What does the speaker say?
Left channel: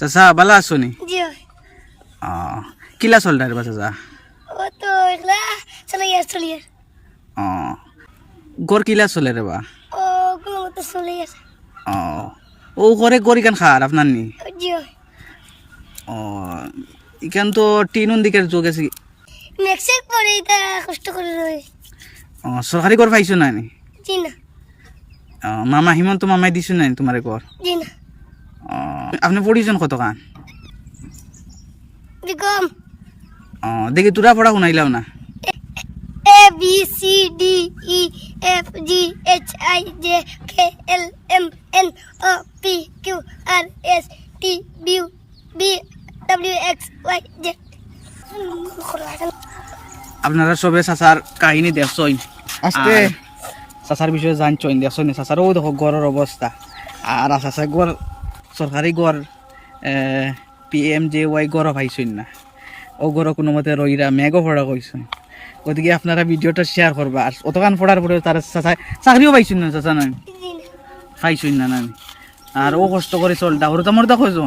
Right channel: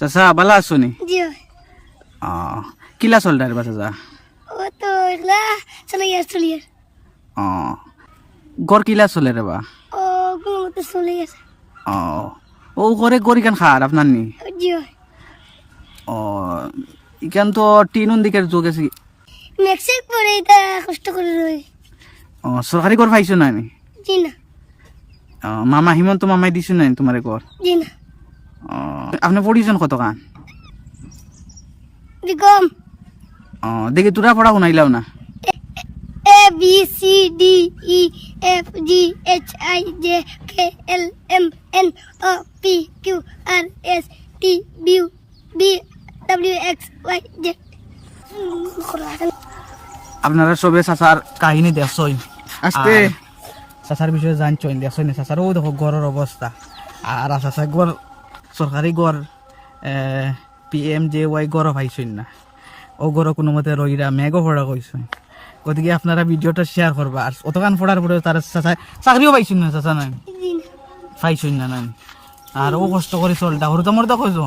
চাচা ভালো আছো নি জি কিলা চলদার বা চাচা ও তো এগুলা চলে ইয়ার গড় কিলা চলে রে বা ও কোনো মতো চলে ইয়ার ও ঘরে গড় ইখান খার আপনার নি জি ইখান তো টিনুন দিকের যোগ আছে মেক্সিক পরে এটা কষ্ট করে রই সরকারি ঘর পাইছো না নি জি না মামা হিমন্ত মামাই দিছো না তোমার ঘর জি না আপনি পড়িছেন কত কান বিকম দেখি তোরা পড়া শুনাইলাও না A B C D E F G H I J K L M N O P Q R S T B W X Y Z আপনারা সবে চাচার কাহিনী দেখছই আস্তে চাচার বিষয়ে জানছই দেখছই না চাচারও দেখো গড়ের অবস্থা আর চাচা গড় সরকারি গড় PMJY গড় পাইছই না ও গড় কোনো মতে রইরা মেঘও পড়া কইছেন ওদিকে আপনারা ভিডিওটা শেয়ার করবা আর অতখান পড়ার পরে তার চাচা চাকরিও পাইছেন না চাচা না পাইছই না আর ও কষ্ট করে চলটা ওর তো মরদা কইছো